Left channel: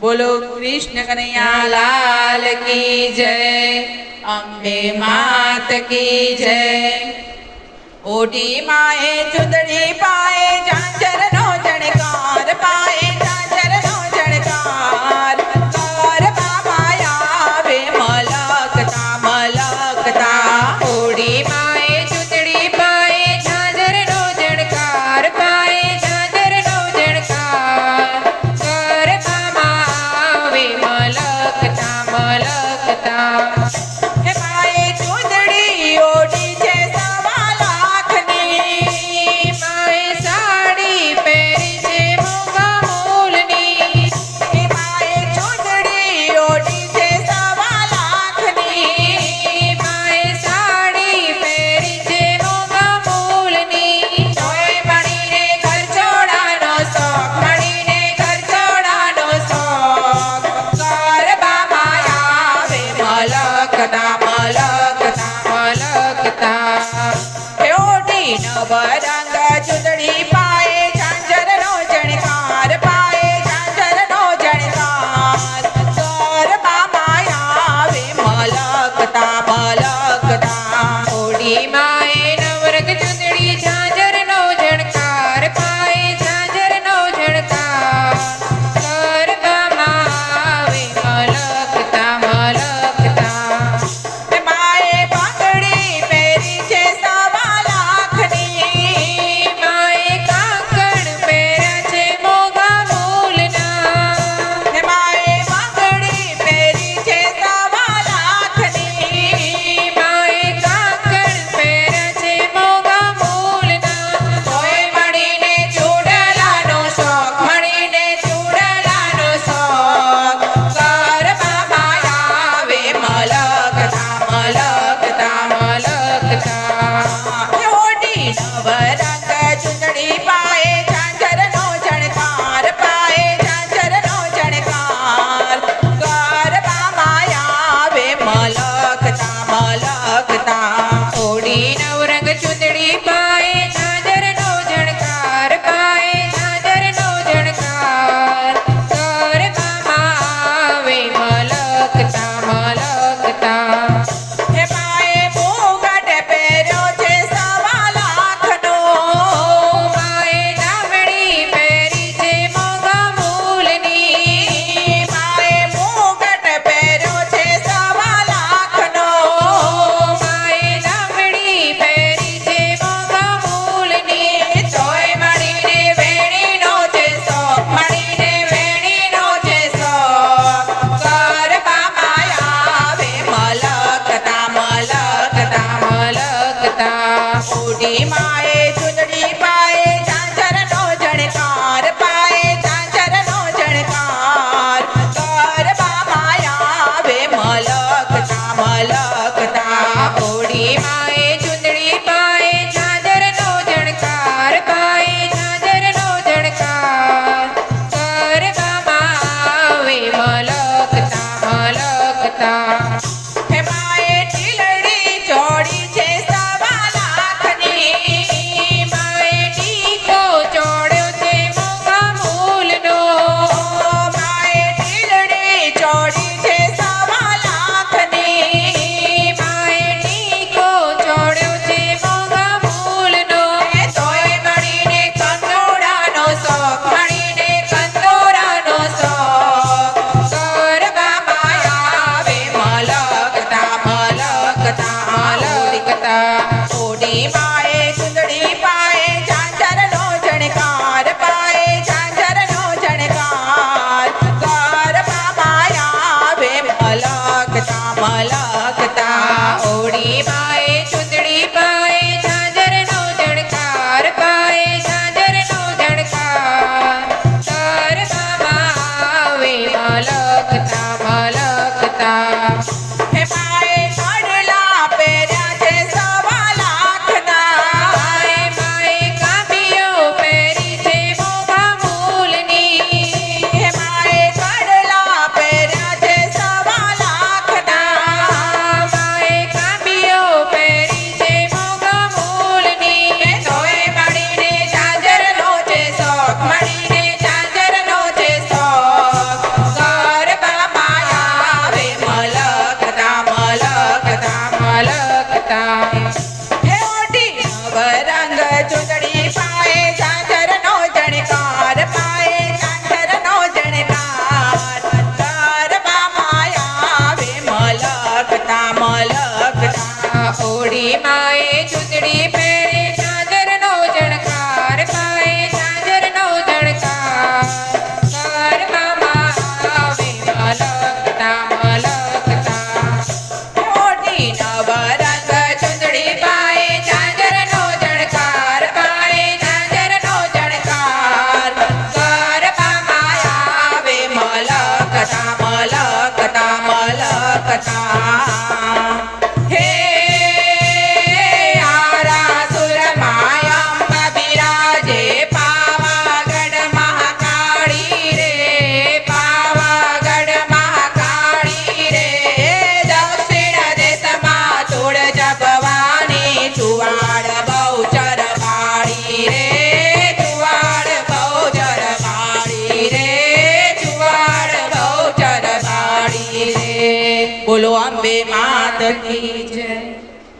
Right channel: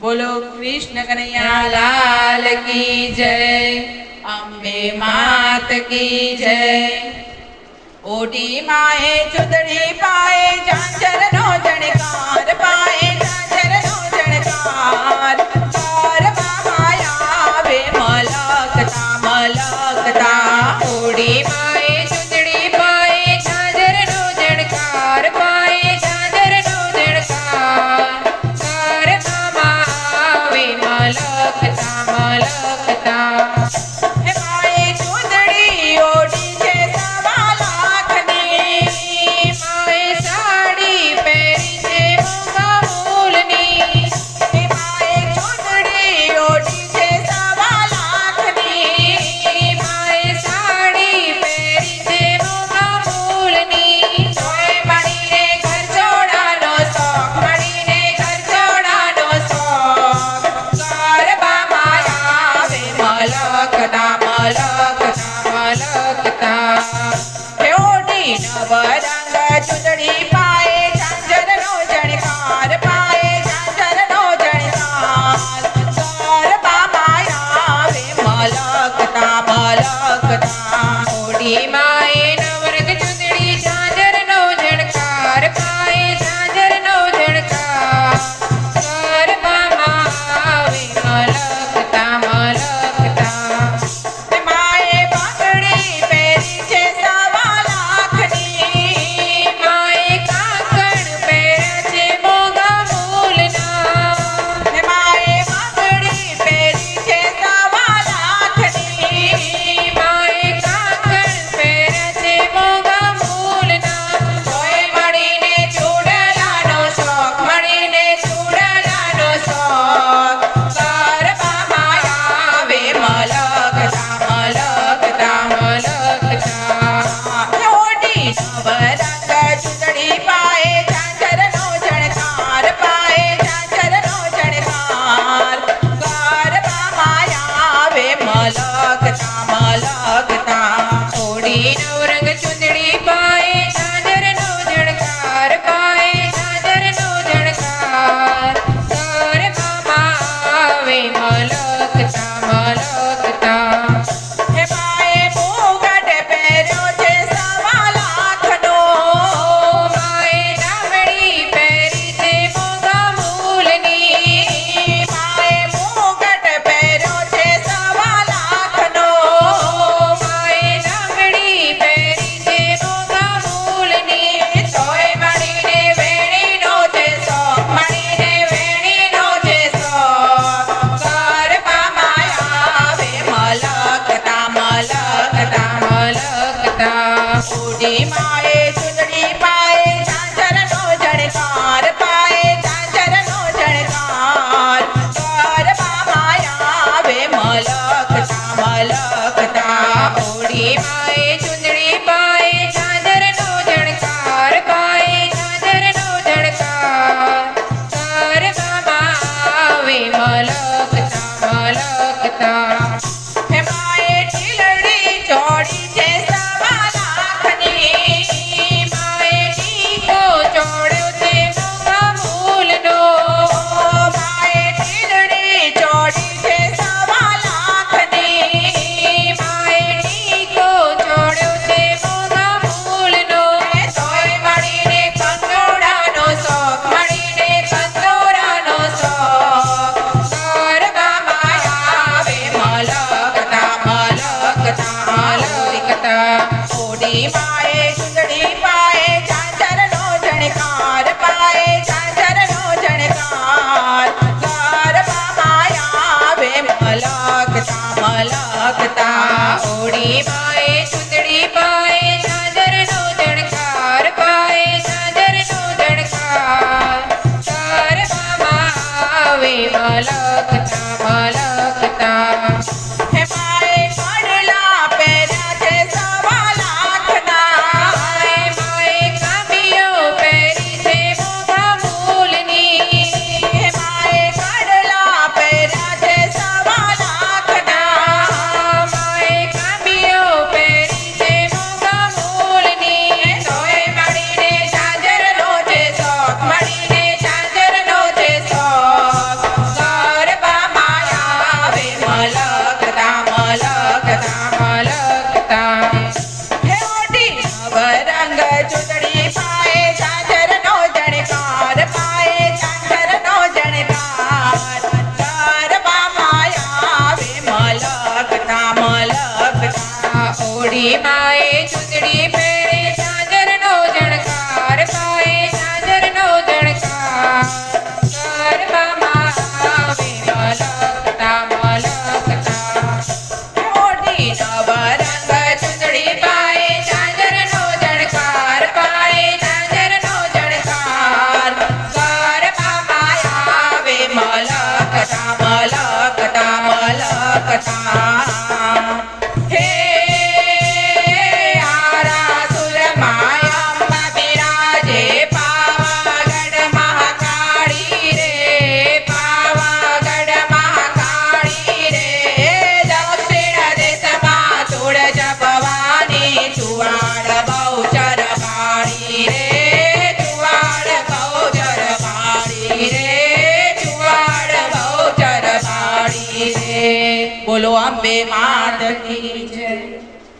बोलो कृष्ण कन्हैया लाल की जय। अम्बे मात की जय। ओटी माए चुदड़ी पाए झांझर नो जणकार पाए झांझर नो जणकार कार बाबा आवे मलकता मलकता। ओटी माए चुदड़ी पाए झांझर नो जणकार पाए झांझर नो जणकार कार बाबा आवे मलकता मलकता। हे माए चुदड़ी ओटी छे सवा लाखनी माए साड़ी અવતાર હે આરાસુર માયા બિરાજે પાવાગઢ મહાકાળી રે પાવાગઢ મહાકાળી રે દક્ષિણ દેશમાં તુળ જપવાની ચુવાડ બહુચર વાળી રે ચુવાડ બહુચર વાળી રે ચુવાડ બહુચર વાળી રે બોલો અંબે માત કી જય